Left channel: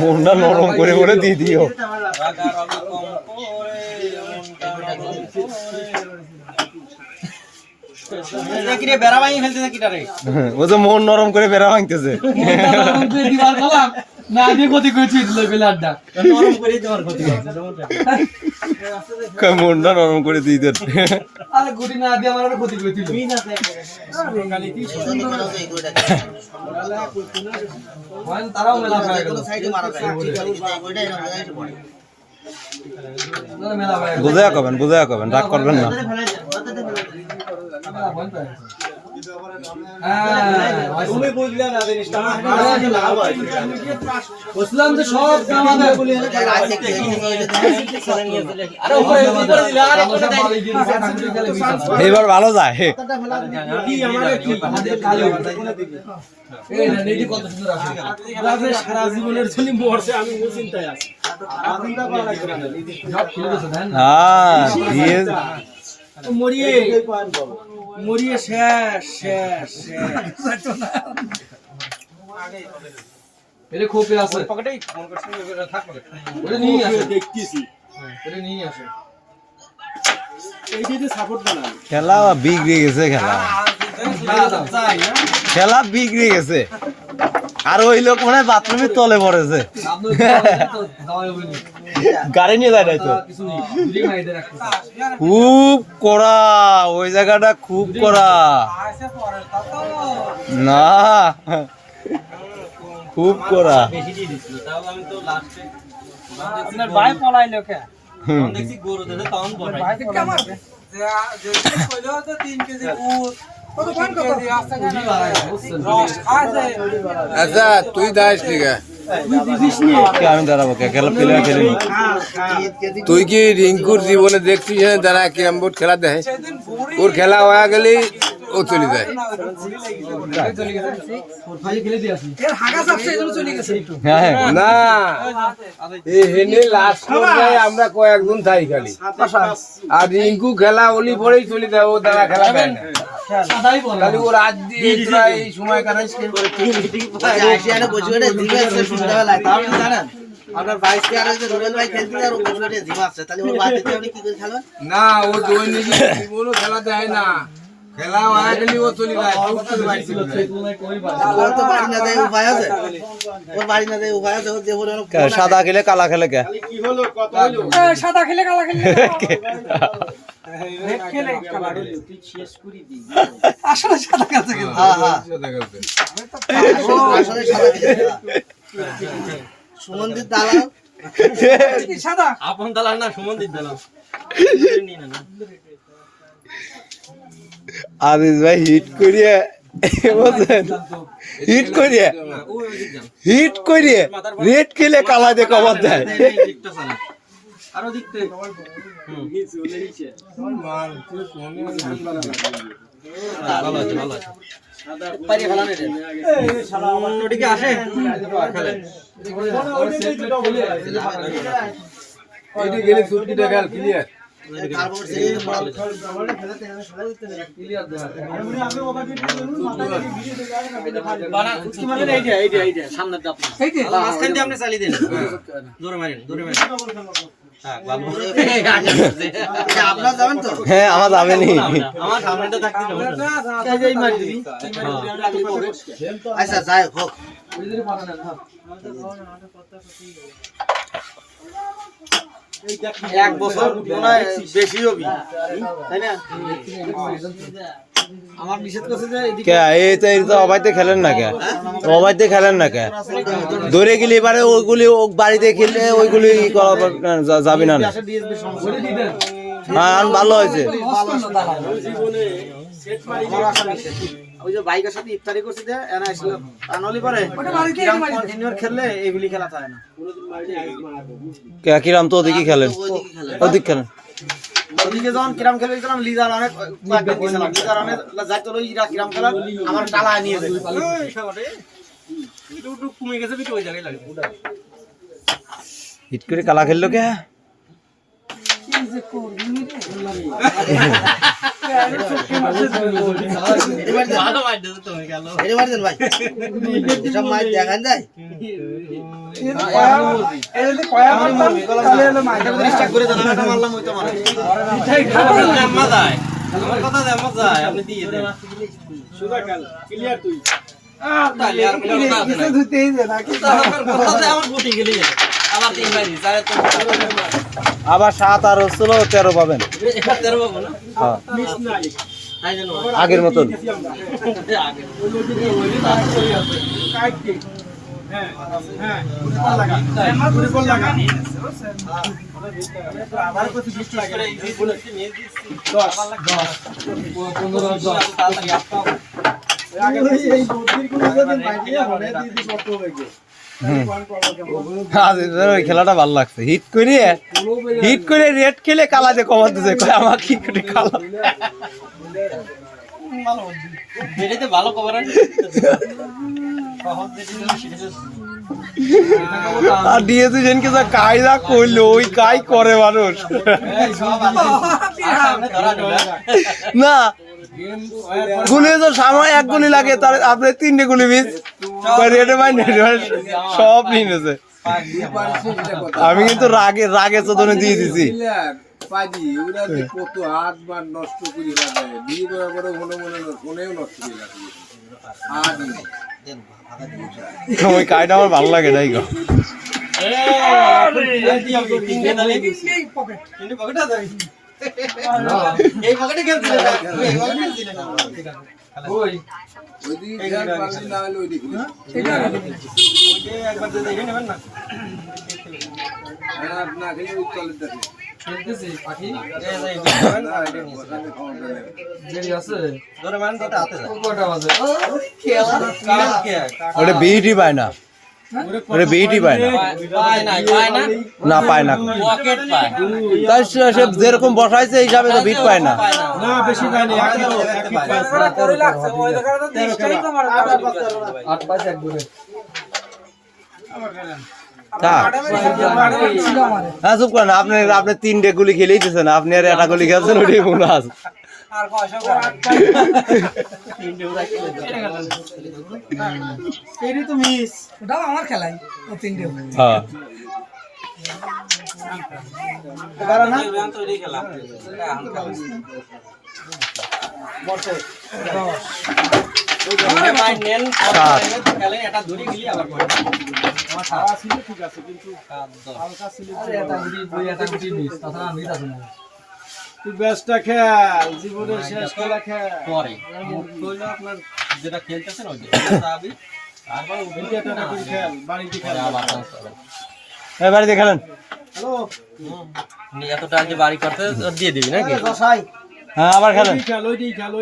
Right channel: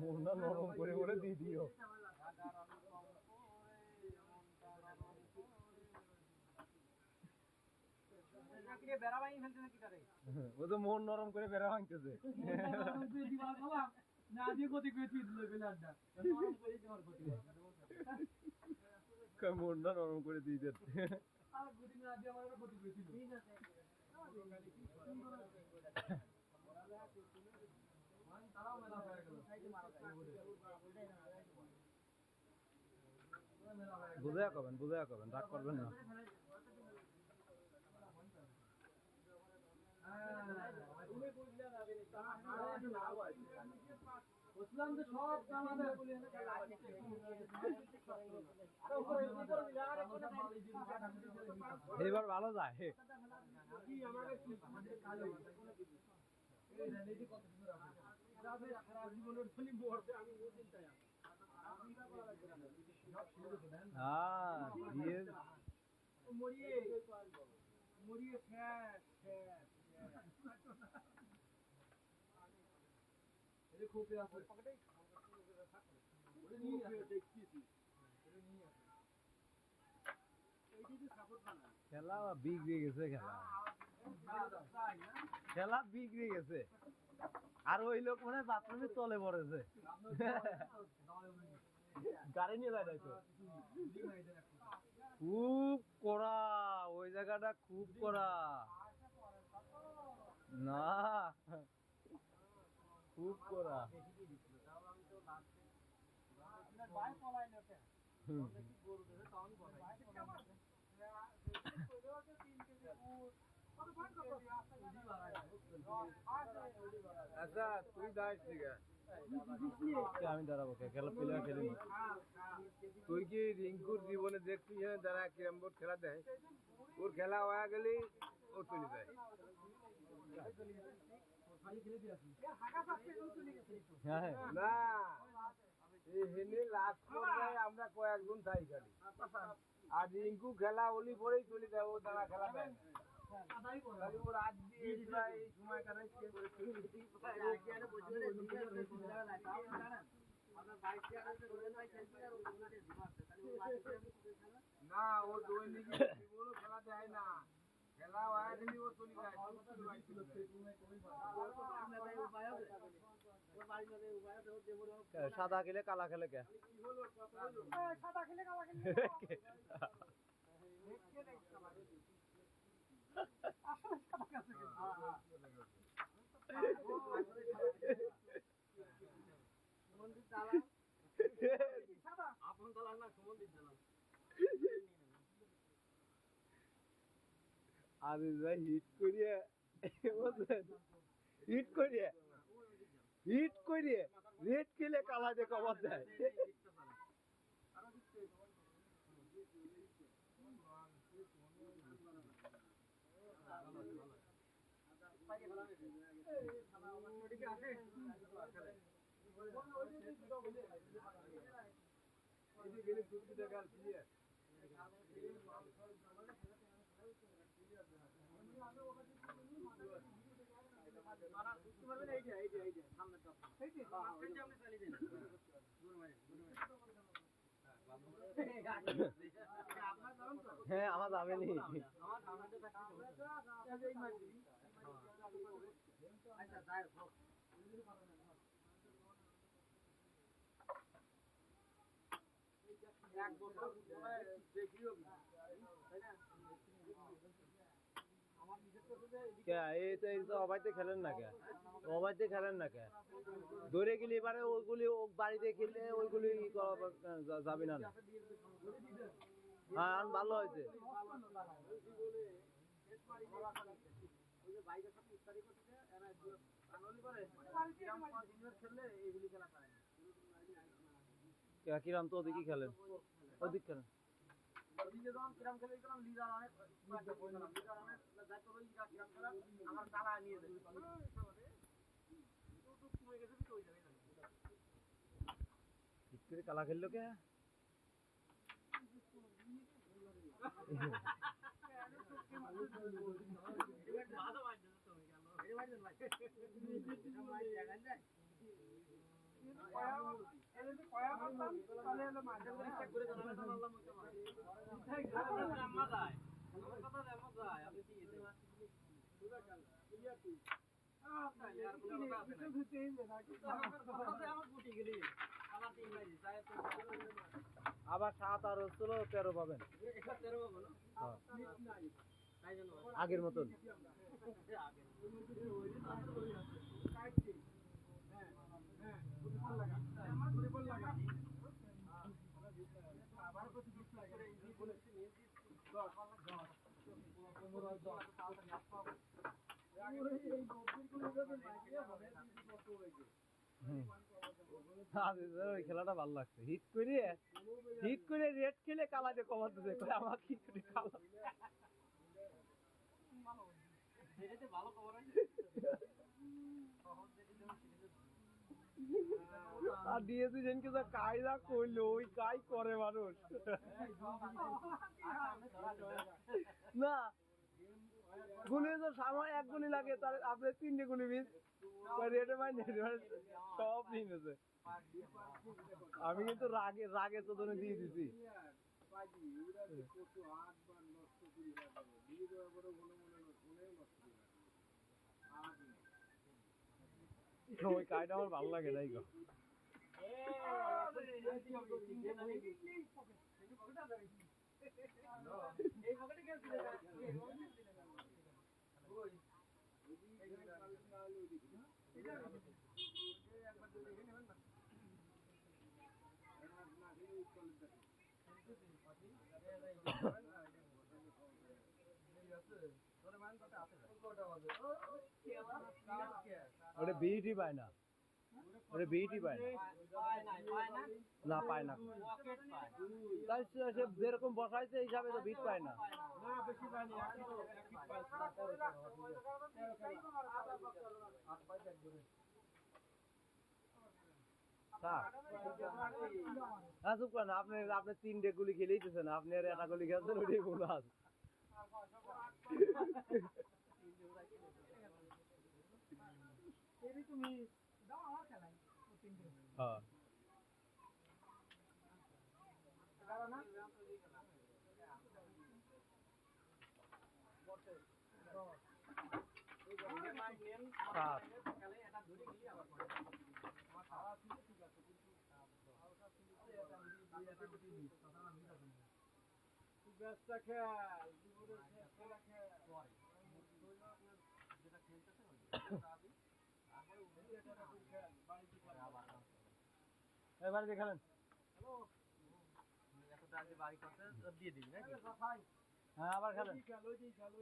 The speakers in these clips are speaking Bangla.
মনটা নরম করে করে দিয়ে দিও। ও তো মন নরম করে বেড়া ভাঙতেছে। না দিয়ে ক্ষতি করেছি প্লেয়ারটা নরম করে তোমার ক্ষতি মনটা নরম করে দিয়ে দেন। আরে গুটি না দিয়ে আমার ক্ষতি করেছিল। তারাও মেলা হয়ে গেল। বুঝাইয়া কবেন রাগ করবেন না। তুমি বুঝলে না জিনিসটা বুঝলাম যে সব আমাদের এবার ভালো যায়। সারা জীবনের জন্য মরছে আমি চিন্তায় আছি। মরিয়ে শেষ এটা খোপে আছে পকেটেই ফোন করছি ওটা থাক পকেটে ওটা নিয়ে আসে দেখতেছি ওটা নিয়ে আসে এই যে সাপোর্ট বানান খেলা বিগড়ে গেছে। খেলা বিগড়ে গেছে। আর ওই লোক মানে বাথরুমের তলে পড়েছে। গাড়ি নিয়ে যায় নাই তো। খুব কড়া ওই জায়গাটা, খুব কড়া না, খুব কড়া। আপনার ভাই পলাইলো কে দেখছি গরু দিতে তখন বড় ভাই কে মারবে যে কইলো তো 3 কেজি উট কত কোন কত আচ্ছা তুই দাস ঠিক আছে আমি দাঁড়াবো খেলা প্লেয়ার খেলি। তুই কি রিঙ্কুর জীবনে দেখছিস যারা ক্যারাম বোর্ড খেলা দেয়, ওর খেলা হয়ে গেলেই ও চলে যায়। না হেনে লাস্ট পর্যায়ে আমরা কয়েকজন থাই খালি, আর রিঙ্কু খেলা ওলি পরেই চলে যায়, ও দ্বারা খেলা দেয় না। খালি ও রাত দিয়ে এই সময় কাটাইস আপনার ভাইসকে আর যে রুবেল ভাই খেলতে আর ও বসে জিমাচ্ছে, তাহলে ওর বাদ দিতে আপনি কি করে খেলবেন? না ও দুই নিজে জীবনও খেলা দেয় না, খেলা হয়ে গেলে ও চলে যায়। ওর তো বাড়ি না যায় উপায় আছে, ওর বাড়ি না যায় উপায় আছে, ওর যে বলে সাদা খেলে কালা খেলে কে কি হলো কত হলো সাদা খেলে কালা খেলে আসলে সাদা খেলতে গেল। হ্যাঁ হ্যাঁ আসলে সাদা খেলে সুমনদীপ দালাল সাদা আপন দালাল না সুমনদীপ দালাল। আদিস ভাই হিট করিয়ে বুঝলেন, হিট করিয়ে রেড খেলে কালা দিয়ে কভার দেয়। আরো দেখতে ভালো আছে ভালো আছে পারি খেলা নেই ওদিকে আসে খেলে এইটা গেলে সুটকিটা খেল ক্লিয়ার। তারপর সে খেলাতে ক্লিয়ার দেয় কি মানে এইটা সামনে দাও আপনি মাঝখান দিয়ে আপনি চালিয়ে দেন জোরে মারেন হ্যাঁ ভালো আপনারা যাবেন তো? হ্যাঁ আমার যাবেনি, আমার সামনেটা থাকতে যাবে এই মার দিবি আচ্ছা যাই হোক এক বছর মনে বেশি হবি তাই না? আমার নিষেধ করছে যে কে এই তো অবাইতে খেলেন না কে, অবাইতে খেলেন না কে, ধরে গেলে এবারে ওইগুলি বাড়িতে খেললে ওইগুলি যাবি না। হ্যাঁ ভালো হয়েছে। ওই যে বাইকের সাথে ইফতারি করছি যে এনা আসলো আনলি পরে কিরাম কন্টিনিউয়ার খেললে এগুলি খেলা যায় না। কে কিরাম তো ওদিকে খেলেন, ওদিকে খেলেন। ওদিকে যখন কিরাম খেলে গেছিলাম লিজার অনেক কয়েকদিন গেছিলাম, লিজার অনেক যাইতো ইরা কিরাম খেলা আমার টালা নিয়ে যায় একটু কমে গেছে বিট ওই জায়গায় লাগে হিট করে কালা খেললো কে এটা মারছেন ভাই এসব মাছ দেখান যায় আবার 7 আর হচ্ছিল 13 পাবেন হ্যাঁ আগের মতন ওই খেলাটা ভালো লাগছে হিট করে রেড খেলে কালাতে কমার দিছে আমার কি করে কালা ভালো কভার আর দিয়েছে যেনকে যা কায়দা করলো ওই কাই করে মানুষ না গুলি তো সময় এক গুলি লাগে তার আপনি 3টে গুলি মিস রেডে মাইন্ড সব নিয়েছে আমি কিন্তু রাগে চোদনে দিয়ে দিছি পাজি ওরা কত হাত বার নষ্ট করে রাখে বিয়ে করার পরে ফোনেও নষ্ট করে রাখে ওই কাইটা আমার ভালো লাগে তাই গো ওটা বিইটি পায় না ওটা বিইটি পায় না পায় না তাই সে যেরকম বসাইছে এই হিসাবে তো বিট পায় না বেশি পাইনি হ্যাঁ চুপ করেন আপনি 3টে গুলি খেলেই দিচ্ছেন আপনি আর একটা গুলি খেলছেন ওটাই মনে আছে আমার খেলাই 3টে হ্যাঁ বেশটা খেল জীবনের শেষ খেলা খেল পরে আপনার যেটা খেলতেছেন ওই তারপর খেল বাড়িতে খেল বাড়িতে খেলেন এতটা যে বাড়ি করতে দিয়ে দিবি নাকি হ্যাঁ আবার খেলেন ওইটাই খেল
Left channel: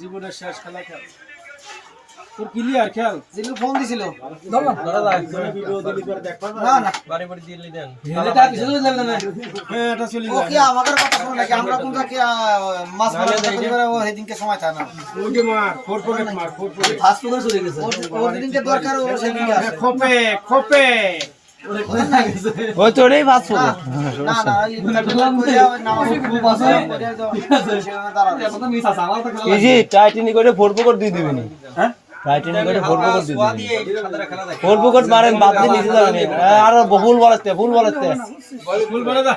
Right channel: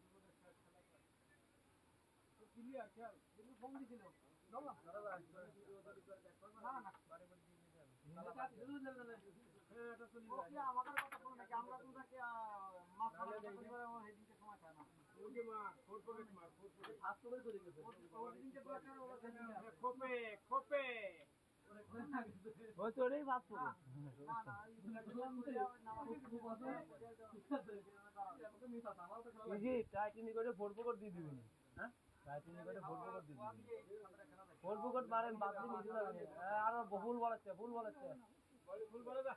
জীবনের শেষ খেলা খেল তোর ক্লিয়ার খেল জিলু ফোন দিছিল ভিডিও দিলি করে দেখ না না বাড়ি বাড়ি দিয়ে দেন হ্যাঁ এটা চলে ও কি আমাদের কথা শুনে নাকি আমরা কোনটা কি মাছ মারতে করে ও সেদিনকে সময় থাকে না ওই যে মার ফোর পকেট ফাস্ট ফুড চলে গেছে ওর দিনকে দরকার ও সেদিনকে আসে খোপে ওই তো ওটাই ভাত না না এই নামাজ খুব আছে এই যে টাইটানি করে 4 পকেট দিয়ে দিবেন হ্যাঁ টাইটানি করে 4 পকেট দিয়ে দিবেন 4 পকেট মারেন বাদ দিয়ে নিচে যাবেন আর বহুল বলাতে ফুল বলে দা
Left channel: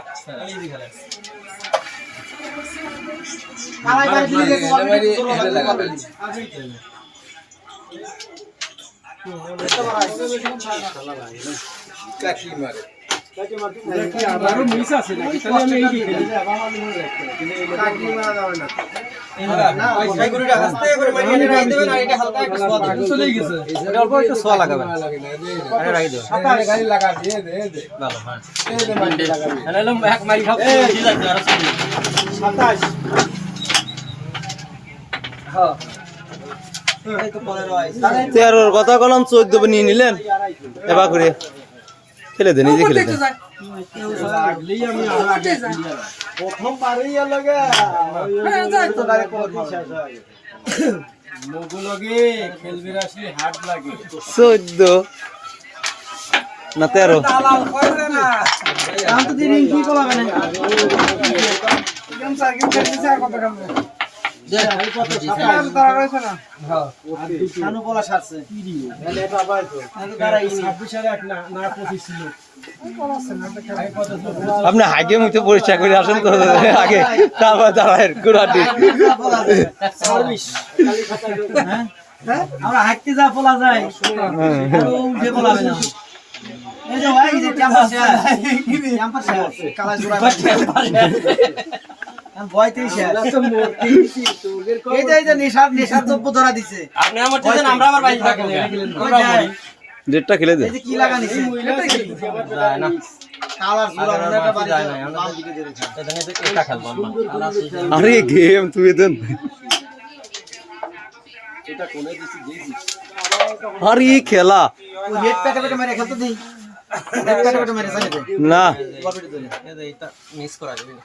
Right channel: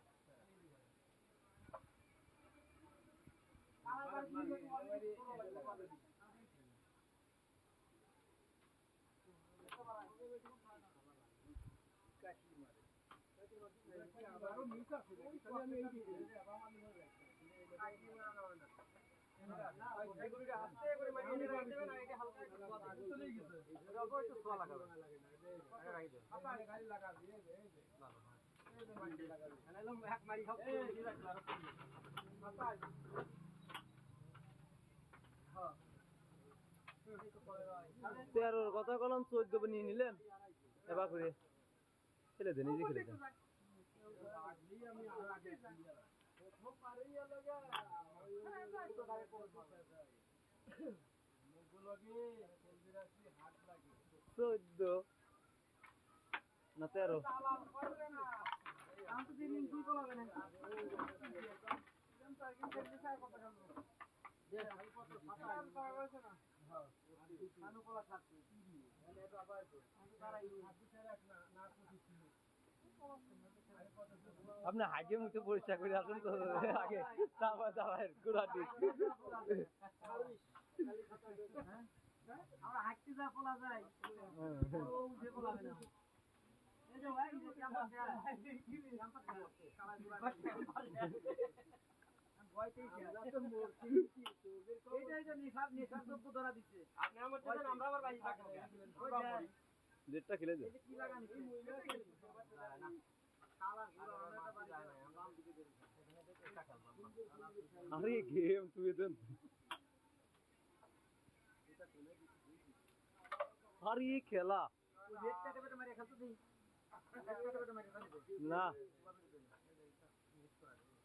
কালাই বাড়ি দিয়ে কাকি মারে আরো মিস আছে নাকি তাহলে আমি এই খেলি কাকি মারা যাবে না এই গরুটা আস্তে করে মারিয়ে রাখি দেবেন আর এটা হালকা একটু সোয়া চলে গেছে এটা অল্প একটু সোয়া লাগাবেন আরে রাখি দাও সাতারে গাড়ি লাগা দিয়ে দে ভালো হ্যাঁ এই দে মারি লাগাবি তাহলে এক মারি খাও ঠিক আছে আর 27 হ্যাঁ এই তো 15 আইছে 13 কথা কলম 14 নিয়ে নিলেন এবার করে খেলে দেন এই যে খেলে দেন লাগলেই আমি আগে প্রথম পারেই লাগে তো ডাইরেক্ট করে দিছে মগুলগে খেলবি আসলে হাট লাগে 14 না 13 আমি তো দিন কি কলাবে না গেম সার্কিট খেলতেছে আর কত কাম আপনি হাগে মুখে পরিষ্কার করে আসেন তো আগে, তারপর দাঁড়ায় গুড়াটি। আমরা হাঁটতে যা বলা যায় উঠে বলাবে না এই যে ভাই যে ক্যাম্পাস কালা জোড়া ভয়তেই শেষ এই যে নেশার দ্রব্য ধরা দিছে আপনি আমার চেয়ে আমরা আবার বাইরে থাকি আমরা মরি ডেটটা খেলে দে। এই যে কি লাগা নিছে যায় না কালার জোড়া মনে একটা বাড়ি যায় না বাম দিকে দিয়ে রেখে এখানে তো এটা খেলবো আমরা আরে গেম তুই দেন। আরে খেলা ওই রেড প্যাকেটে মেরে খেলতে দেই রেড প্যাকেটে মেরে সাইডে না, গলবিটি ধরে এটা মিস করা যাবে না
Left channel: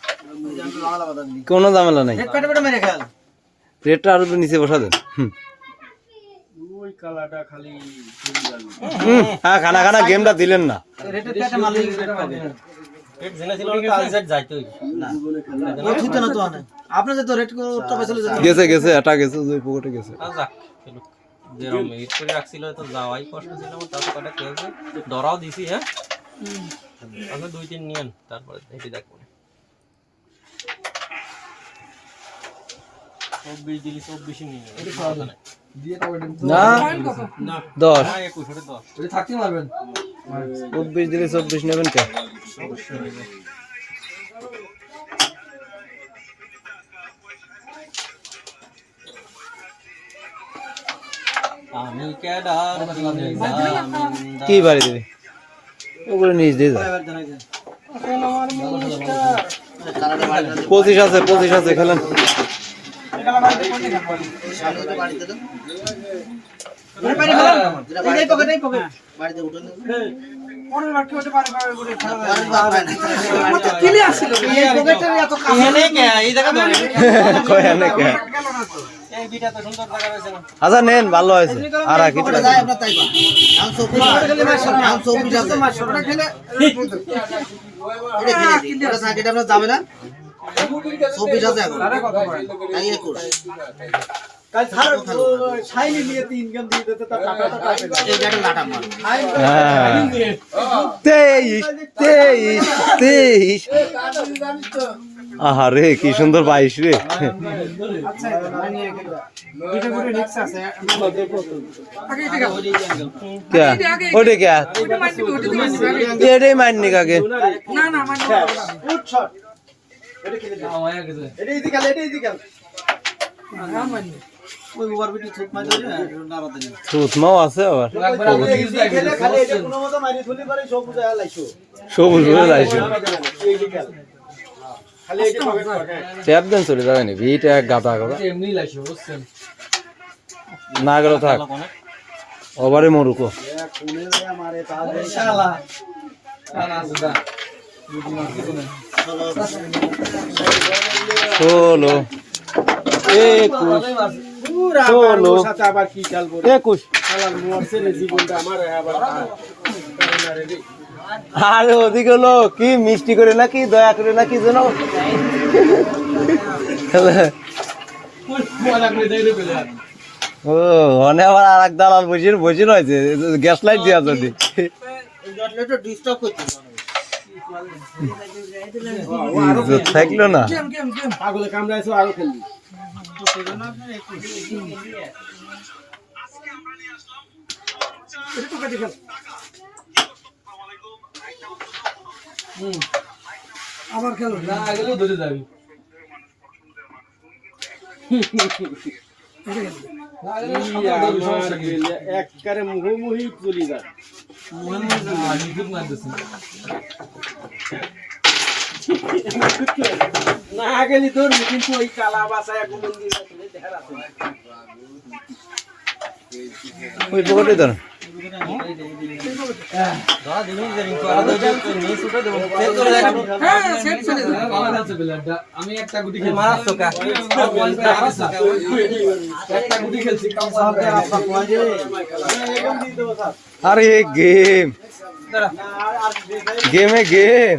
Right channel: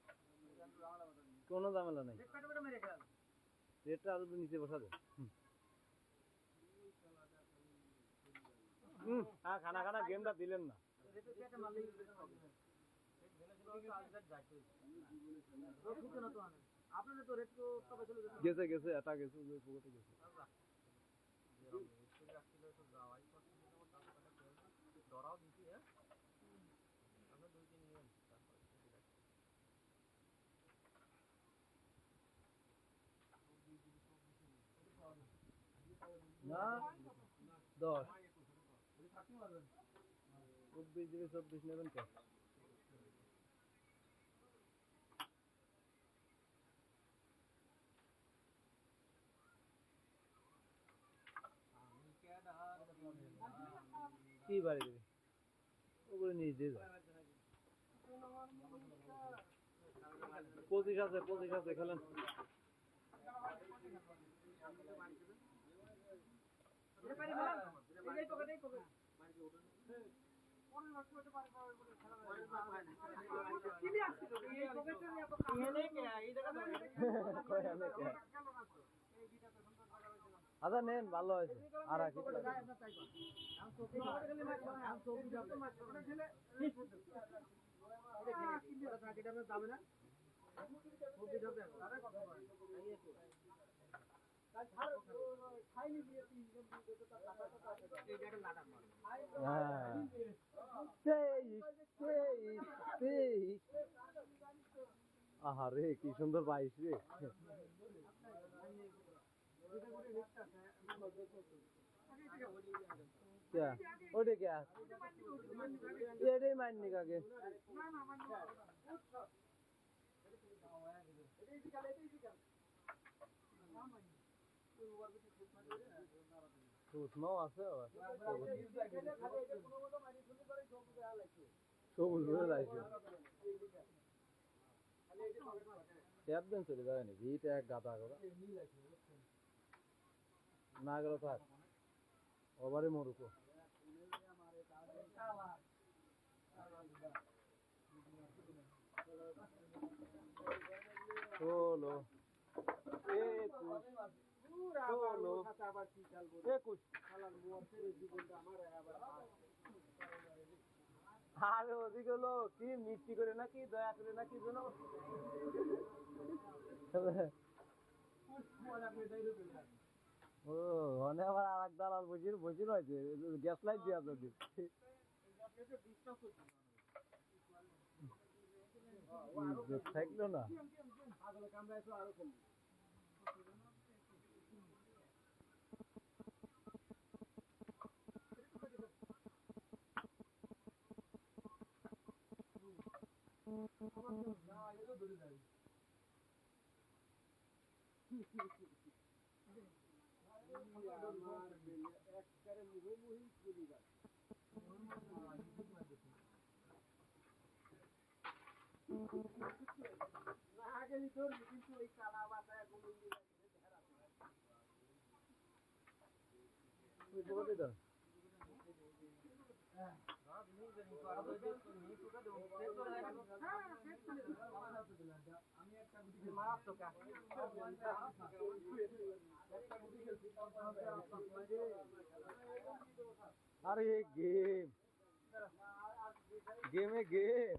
লালা বাদা দিই কোনো ঝামেলা নাই। রেড প্যাকেটে মেরে খেল রেটটা আরো নিচে বসা দেন। হ্যাঁ, খানা খানা গেমটা দিলেন না। রেড প্যাকেটে মারলে রেড পাবে পেট জেনে ছিল তো আলজেট যাইতোই ও ঠিক না তো আনে আপনি যে তো রেড তো পেছলে গেছে গেছে, এটা গেছে, ওই পকেটে গেছে। যা যেরকম হিট করে রাখছিল তো যাওয়াই কষ্ট ছিল আমার, তারপর কটা খেয়েছে ধরাও দিছি। হ্যাঁ আপনি 2-3 নিয়েন তারপরে এটি দেখুন 24 দিলি 24 নিয়ে না, 10 21 থাকতে পারবেন 24 দিলে 24 নেবেন কে? আমি কেডার কি বাড়ি দিবি? ওগুলো নিচ দিয়ে যা। 25 আছে, 25 আছে, খেলেন। বাড়িতে দেন বাড়ি খেলাম এই পকেটে পকেট বাড়িতে উঠেন পরের বাকি ওটা পারে পারে করে খেলা কিলি আসছিল এই পকেটের এত কাজ এনে কে এই জায়গা ধরে কয় না কে? এই বিটা তো সুন্দর জায়গা রয়েছে না আচ্ছা নেন, ভালো হয়েছে। আর কি যায় আপনার তাইবা আম সবজি খেলে মারছেন আম সবজি আছে ওটা খেলে এটা খেলে দিই ওটা সাইডে আপনার যাবে না সবজি আছে এখন তাই 21 কাল ছাড় ছাইনি নিয়ে 3 গেম দিয়ে দিতে তার টাকা তো পাবে এই গাড়ি লাটা মার হ্যাঁ, 23 আহারে কি সুন্দর 22 রে। আচ্ছা মানে দুইটা করে নেক্সট আছে আগে এটা क्या ओटे क्या ওটা মাইন্ড ওটা ये रे मारने का के না না মানে ফুট শট এটা খেলে দাও এটা ইজি খেলে এটা ইজি খেল না মানে ওই ওভার বিটি ছুট মাই ধরে না বাদ দেন সুত মাও আছে আবার ইজি খেলে খালি এটা কোনো মতো মারি ধুলি পারে সব বুঝা লাইছো সবুজ হয়ে যাইছে। ইজি খেল খালি এটা পকেট পকেট ট্যাপ দেন চলে যাবে নি ভিটা এক গাদা গাদা এমনি লাইছো বুঝছেন না গেল থাক ওভারে মরুকো কোনে রে আমারে তাহলে শালা কানা সুদা ষোলো 21 পুরা ষোলো সাথে আবার কি খেলবো 21 শালার মরছে রে জীবনটা আমার আবার আরে ওদিকে হলো কি মিষ্টি করে নাকি দয়া করে নাকি যেন ও অনে আবার আর এক দালাল বসে রয়েছে গ্যাস লাইট দিয়া যদি জটলেটা ডিস্টার্ব করতে ইজ্জত থাকলো না। গেম গেম গেম পাগলে কামড়াইছো আরো খেলবি এটা পকেটে খেল আবার খেলো না আগেও ধরে যাবি একবারে মুখোমুখি চলে যায় না গেলি তোর কিন্তু ওই কালা বাসা এখন ওই পকেটে ধর ধরা দিলুম যে রিংকু আর দুই নিয়ে ছুটে দেব সেট করে দেখ হ্যাঁ সেট চলে যাবে ভালো আছে প্লেয়ারটা আমি একটা গুটি খেলছি মারাস তো কা একটা গুটি খেলছি কাম সাথে আপা কোয়া যে আরে গেম গেমে গেম